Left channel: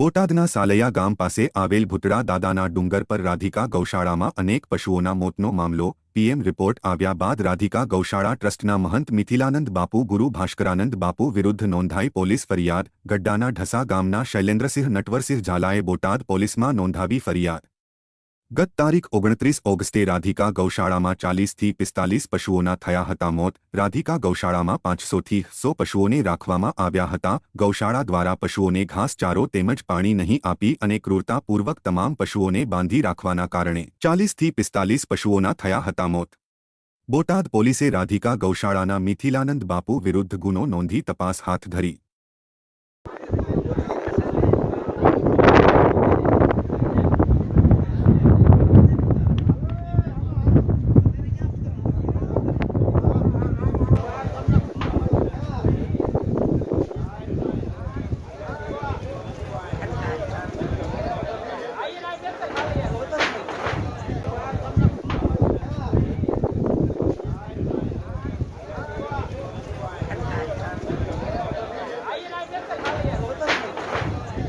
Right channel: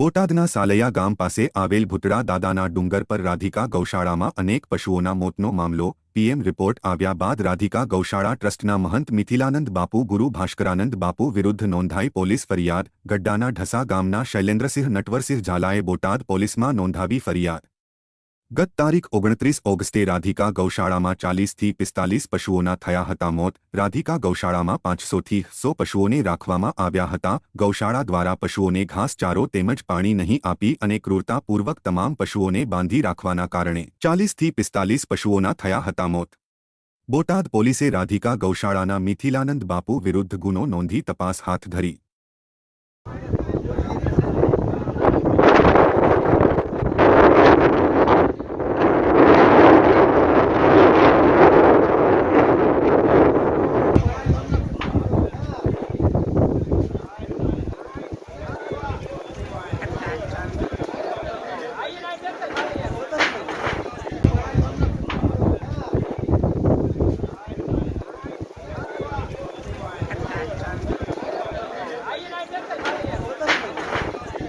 બોટાદના સાલૈયા ગામ પાસે આવેલ ભૂતડા દાદાના ડુંગર પર રાધિકા ગૌશાળામાં અનેક પશુઓના મોતનો મામલો, પીએમ રિપોર્ટ આવ્યા બાદ રાધિકા ગૌશાળા ટ્રસ્ટના મહંત મિથિલાનંદ બાપુ, ગુરુ ભાસ્કરાનંદ બાપુ વિરુદ્ધ નોંધાઈ પોલીસ ફરિયાદ, ગડ્ડાના ઢસા ગામના શૈલેન્દ્રસિંહ નટવરસિંહ ઝાલાએ બોટાદ પોલીસમાં નોંધાવી ફરિયાદ. ગત તારીખ ઓગણત્રીસ ઓગસ્ટે રાધિકા ગૌશાળામાં ચાલીસથી પિસ્તાલીસ પશુઓના થયા હતા મોત. રાધિકા ગૌશાળામાં પાંચસોથી સો પશુઓને રાખવામાં આવ્યા હતા. ગૌશાળા દ્વારા પશુઓને ઘાસચારો તેમજ પાણી નહીં આપી અને ક્રૂરતાપૂર્વક તમામ પશુઓને બાંધી રાખવાના કારણે ચાલીસથી પિસ્તાલીસ પશુઓના થયા હતા મોત. બોટાદ પોલીસે રાધિકા ગૌશાળાના મિથિલાનંદ બાપુ વિરુદ્ધ ગુનો નોંધી તપાસ હાથ ધરી.